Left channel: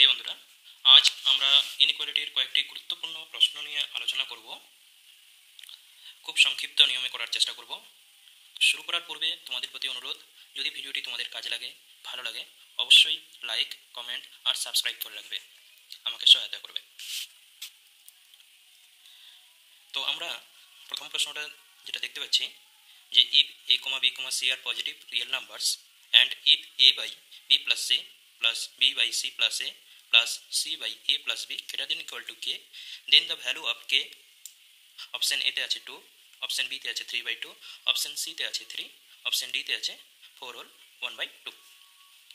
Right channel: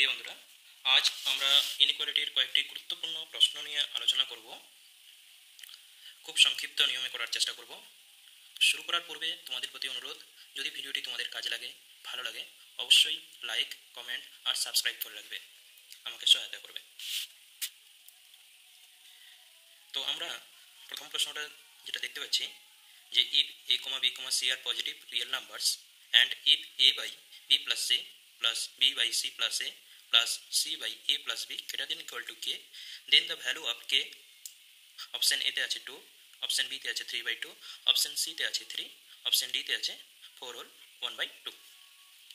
প্রিয় বন্ধুরা, আজ আমরা ইনইকুয়ালিটির কয়েকটি গুরুত্বপূর্ণ প্রশ্ন নিয়ে আলোচনা করব। খুব সংক্ষিপ্ত নিয়মে করার চেষ্টা করব। শুরু করার পূর্বে তোমাদের প্রতি অনুরোধ, যদি ভিডিওটি তোমাদের কাজে লাগে, ভালো লাগে, অবশ্যই লাইক, কমেন্ট আর সাবস্ক্রাইব করে রাখবে, আমাকে সহায়তা করবে। তো আমরা প্রথম প্রশ্নটা যেটা দেখতে পাচ্ছি যে ইফ a, b, c আর positive real numbers and if a by b plus c plus b by c plus a plus c by a plus b greater than equal to k, then the value of k option A তে আছে 2, option B তে আছে 3/2, option C তে আছে 3, option D তে আছে 4 whole 1/2।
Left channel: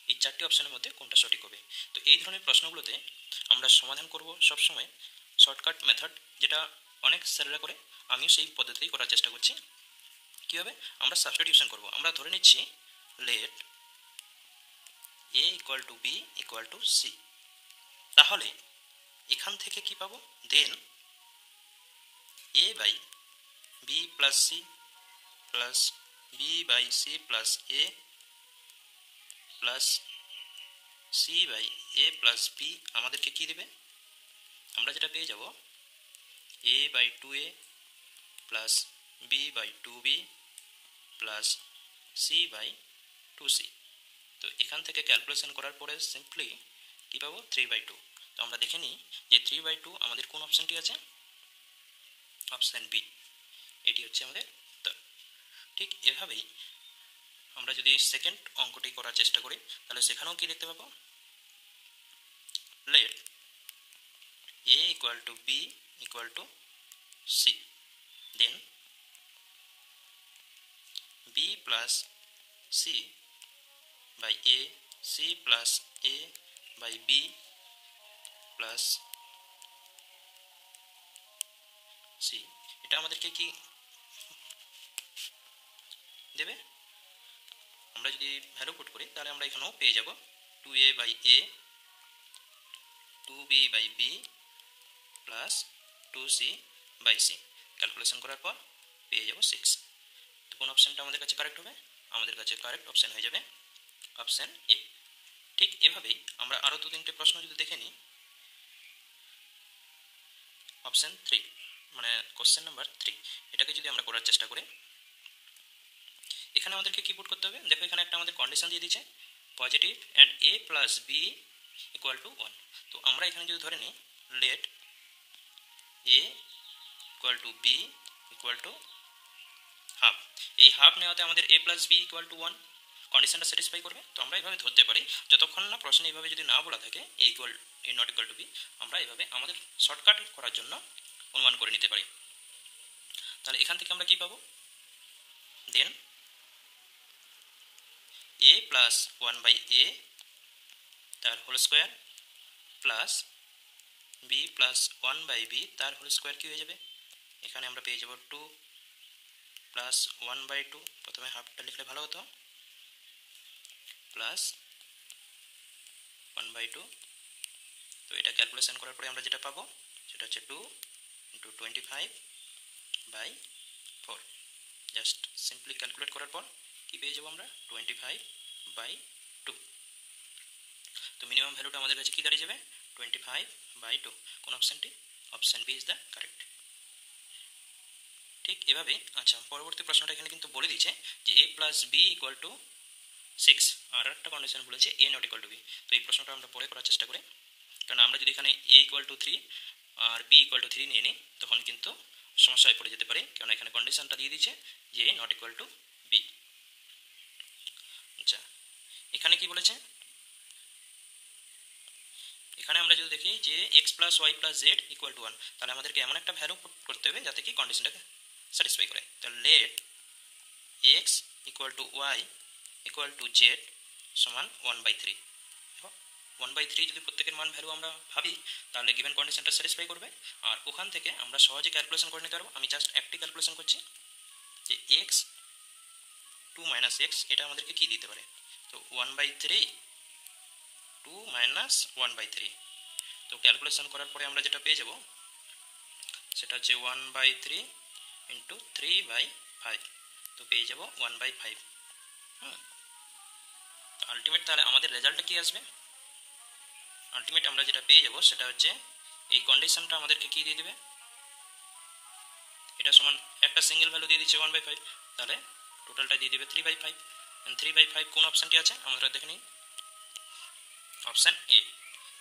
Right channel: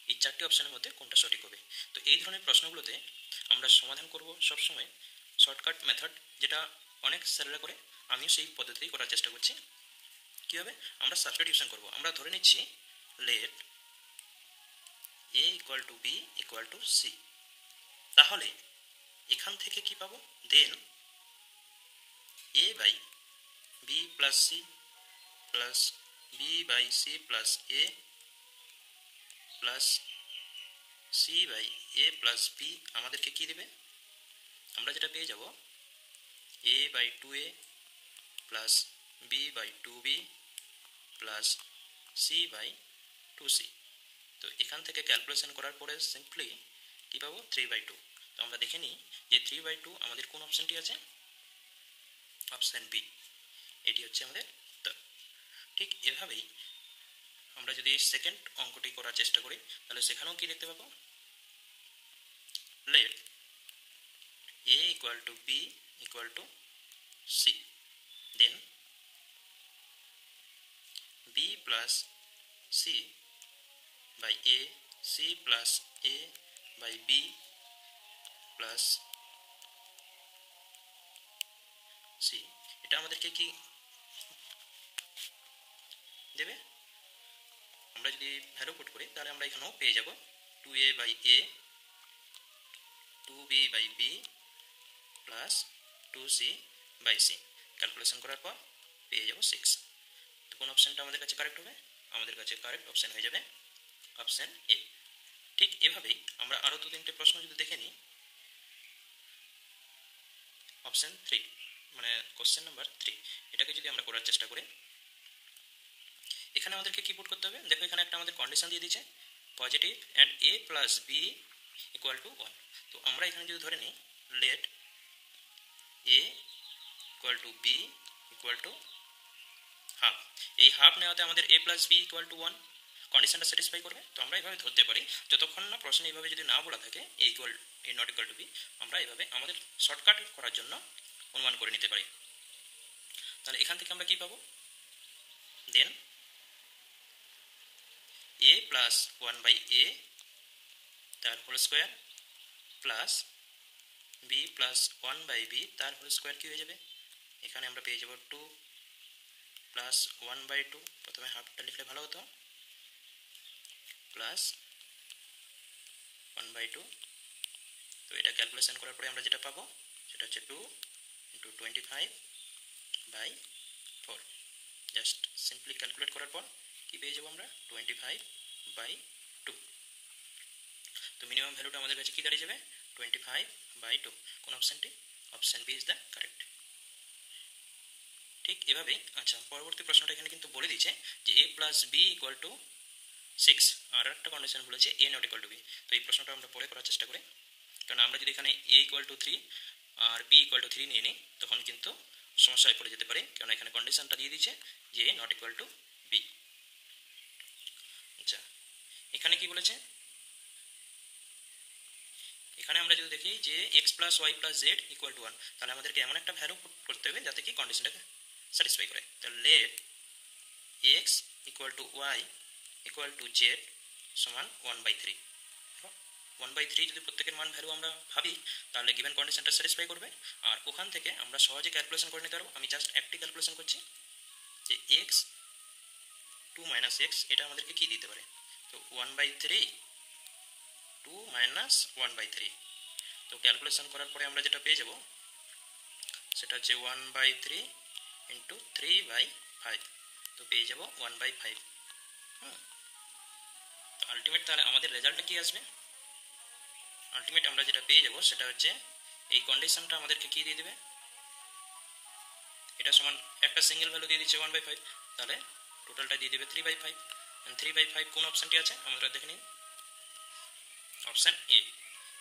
এই চারটি অপশনের মধ্যে কোনটা সঠিক হবে? তো এই ধরনের প্রশ্নগুলোতে আমরা সমাধান করব সবসময় শর্টকাট মেথড, যেটা অনেক স্যারেরা করে, আমিও সেই পদ্ধতিতেই করার চেষ্টা করছি। কীভাবে? আমরা সাবস্টিটিউশন করব। আমরা ধরে নিচ্ছি let a equal to b equal to c। তাহলে এখান থেকে কি পাবো? Then a by b plus c plus b by c plus a plus c by a plus b আমাদেরকে কি দেবে? আমরা যেটা পেয়ে যাব a by 2a plus b by 2b plus c by 2c। তো এখান থেকে ক্যালকুলেশন করার পরে সিম্পলি কি পাবো? 3/2। তো আমরা দেখে নিই যে 3/2 আমাদের কোন অপশনটি আছে? অপশন বি, এটি হচ্ছে আমাদের উত্তর। ঠিক এভাবেই আমরা যদি সেকেন্ড অঙ্কটি করার চেষ্টা করি, তাহলে সেখানেও কি দেখতে পাবো? Let a equal to b equal to c, then b plus c by a, c plus a by b plus c। এটা আমাদেরকে কি দেবে? আমরা যদি ভ্যালু পুট করি তাহলে আমরা এখানেও পেয়ে যাব 2a by a, 2b by b plus 2c by c। Calculation করার পর পেয়ে যাব 6। তো কোন অপশনটা আমাদের কাছে কারেক্ট হবে? আমাদের কাছে কারেক্ট অপশন হয়ে যাবে অপশন এ। ঠিক এভাবেই আমরা আরো 2-3টে প্রশ্ন যদি দেখে নিই, অপশন 3 মানে কোশ্চেন নাম্বার 3, এটাকে যদি আমরা করার চেষ্টা করি, এখানে আমাদেরকে কি পুট করতে হবে? দেখো এখানে একটা আমাদের কন্ডিশন দিয়ে দিয়েছে positive and a plus B equal to 1। তো আমরা এখানে যদি ধরে নিই let a equal to B equal to half, এই হাফ নেওয়াতে আমাদের a plus B equal to 1 কন্ডিশনটা স্যাটিসফাই করবে। তো আমরা এইভাবে ধরতে পারি, যতক্ষণ না প্রশ্নে এইভাবে যদি না বলা থাকে এ নট ইকুয়াল টু বি, আমরা এইভাবে আমাদের শর্টকাট করার জন্য অনুমান করে নিতে পারি। তাহলে এখান থেকে আমরা কি পাবো? দেন a প্লাস 1/a তার whole square plus b plus 1/b তার হোল স্কোয়ার কি হয়ে যাবে? এখানে আমরা পেয়ে যাব 2 প্লাস 1/2, প্রথমে হাফটা লিখলে ভালো হতো, প্লাস 1/2। তো এটা ক্যালকুলেশন করার পরে আমরা যেটা পাবো সেটা হচ্ছে 2 ইন্টু 25/4। জাস্ট সিম্পলি ক্যালকুলেট করার পর কি পেয়ে যাবো আমরা? 25/2। তো মিনিমাম ভ্যালুটা আমাদের কাছে কি দাঁড়িয়ে যাবে? 25/2। কোন অপশনটি? Option B is the correct. ঠিক এভাবে আচ্ছা, পরবর্তী প্রশ্নটা এখানে কিন্তু বলে দিয়েছে যে a plus B equal to 6, আর একটা কন্ডিশন বলেছে a not equal to B. তো এই প্রশ্নটা আমরা পরে করার চেষ্টা করি, কারণ আমরা যদি এখানে a ইকুয়াল টু 3 আর b ইকুয়াল টু 3 নিয়ে নিই তখন কিন্তু সমস্যায় পড়ে যেতে পারে, কারণ এখানে কন্ডিশনটা দিয়ে দিচ্ছে যে a not equal to B. আচ্ছা, এখানে কি বলেছে? এখানে আমরা যদি দেখি যে x plus Y plus Z equal to 1, তাহলে আমাদেরকে এমন একটা ভ্যালু করতে হবে যাতে কি কন্ডিশনটাকে স্যাটিসফাই করে। তাহলে let x equal to Y equal to Z সমান 1/3। 1/3 যদি প্রত্যেকের মান ভ্যালু আমরা ভাবি তাহলে গিভেন কন্ডিশনটা স্যাটিসফাই করবে, আর ওখান থেকে আমরা সহজে ক্যালকুলেশন করে নিতে পারবো। আমি জাস্ট একটি ক্যালকুলেশন করছি যে x 2 মাইনাস x এটা আমাদেরকে কি দিতে পারে? তো 1/3 2 মাইনাস 1/3। তো ক্যালকুলেশন করার পরে আমরা যেটা পেয়ে যাব সেটা হচ্ছে 1/3 ইন্টু 3/5, তো পেয়ে যাব 1/5। আলটিমেট তাহলে আমাদের রেজাল্টটা কি আসবে? আলটিমেট আমরা যেটা পেয়ে যাব সেটা হচ্ছে এই কন্ডিশনটা আমাদেরকে কি দিয়ে দেবে, এটা সমান একটা সিঙ্গেল ভ্যালু দিয়ে দিচ্ছে 1/5, তাহলে টোটালটা দিয়ে দেবে 3/5। 3/5 কোন অপশানটি আছে আমরা দেখে নিই, অপশান এ,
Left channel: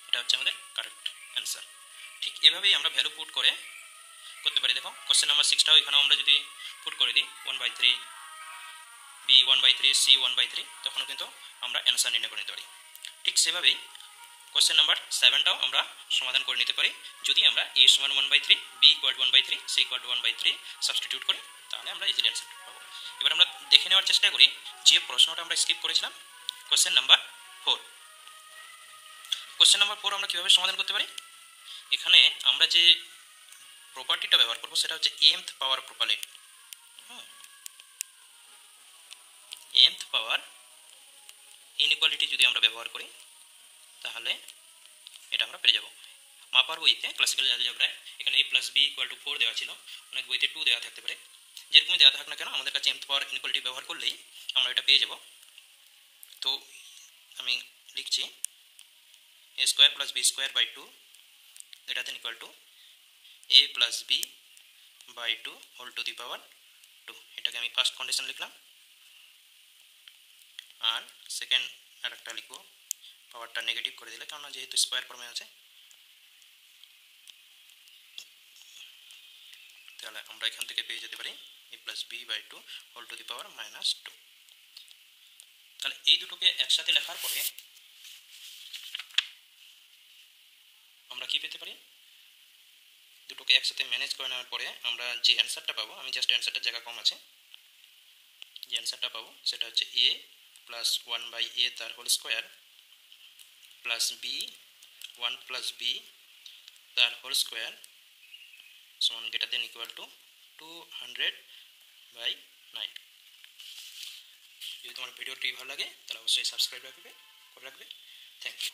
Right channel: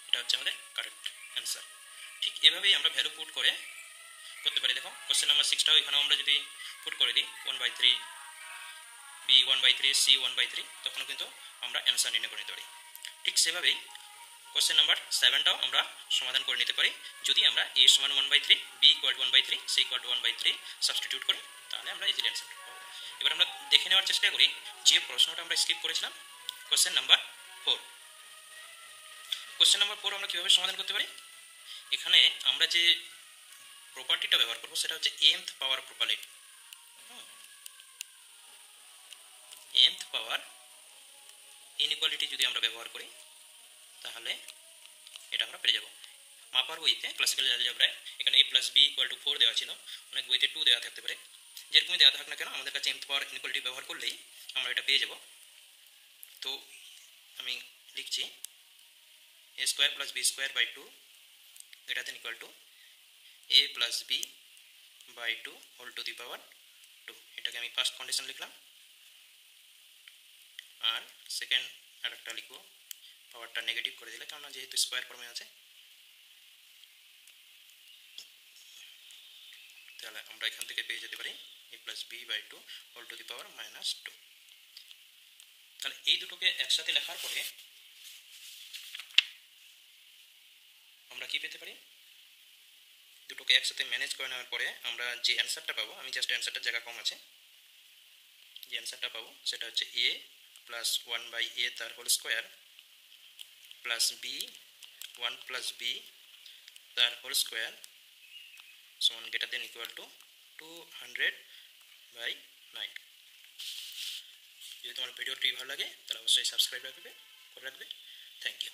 এটা হচ্ছে আমাদের কারেক্ট অ্যান্সার। ঠিক এভাবেই আমরা ভ্যালু পুট করে করতে পারি। দেখো কোশ্চেন নাম্বার 6টাও এখানেও আমরা যদি পুট করে দিই 1/3, বি 1/3, সি 1/3, তখন কিন্তু আমরা অ্যান্সার নির্ণয় করে নিতে পারি। ঠিক সেভাবেই কোশ্চেন নাম্বার 7টাও আমরা সমাধান করে নিতে পারি যদি আমরা এ সমান 1/3, B equal 1/3, C equal 1/3 substitute করি, তাহলে আমরা ইজিলি অ্যান্সার পাবো। এবার আমরা দেখে নেওয়ার চেষ্টা করি যে প্রশ্নটা আমরা স্কিপ করেছিলাম, কোশ্চেন নাম্বার 4। কোশ্চেন নাম্বার 4 আমরা কীভাবে সমাধান করতে পারি, এখানে আমরা যে প্রপার্টিটা ব্যবহার করবো সেটা হচ্ছে mth পাওয়ার প্রপার্টি। mth পাওয়ার ইনইকুয়ালিটি যদি আমরা ব্যবহার করি তাহলে এটা আমরা পেয়ে যাব। মাপার বইতে ক্লাসিক্যাল অ্যালজেব্রায় এখানে a + b = 4 দেওয়া ছিল, অনেক বইতে 2 দেওয়া থাকতে পারে, যেরকমই দেওয়া থাক না কেন আমাদের কাছে mth পাওয়ার ইনইকুয়ালিটি ব্যবহার করলেই আমরা এটা পেয়ে যাব। তো আমি লিখছি a² + b²/2 > a + b/2 ⁻²। এটাকে আমি ফার্স্ট কন্ডিশন লিখলাম, আর সেকেন্ড আরেকটা লিখবো, পাওয়ারটা নেগেটিভ করে দিলে, কারণ যেহেতু স্কোয়ার ফর্মে আছে, তাহলে আমরা এখান থেকে পেয়ে যেতে পারি a + b/2 ⁻²। তাহলে এই দুটোকে একসাথে লেখার পরে আমরা কি পেতে পারি, দুটোকে একসাথে ম্যানেজ করে নেওয়ার পরে আমরা যে অ্যান্সারটা পাবো, আমি জাস্ট অ্যান্সারটার জায়গা কম আছে, যে অ্যান্সারটা পাবো সেটা হচ্ছে a + 1/a তার হোল স্কোয়ার + b 1 + b তার হোল স্কোয়ার সমান > 200/9। যদি তোমার ভিডিওটি ভালো লাগে তাহলে অবশ্যই সাবস্ক্রাইব করে রাখবে। Thank you.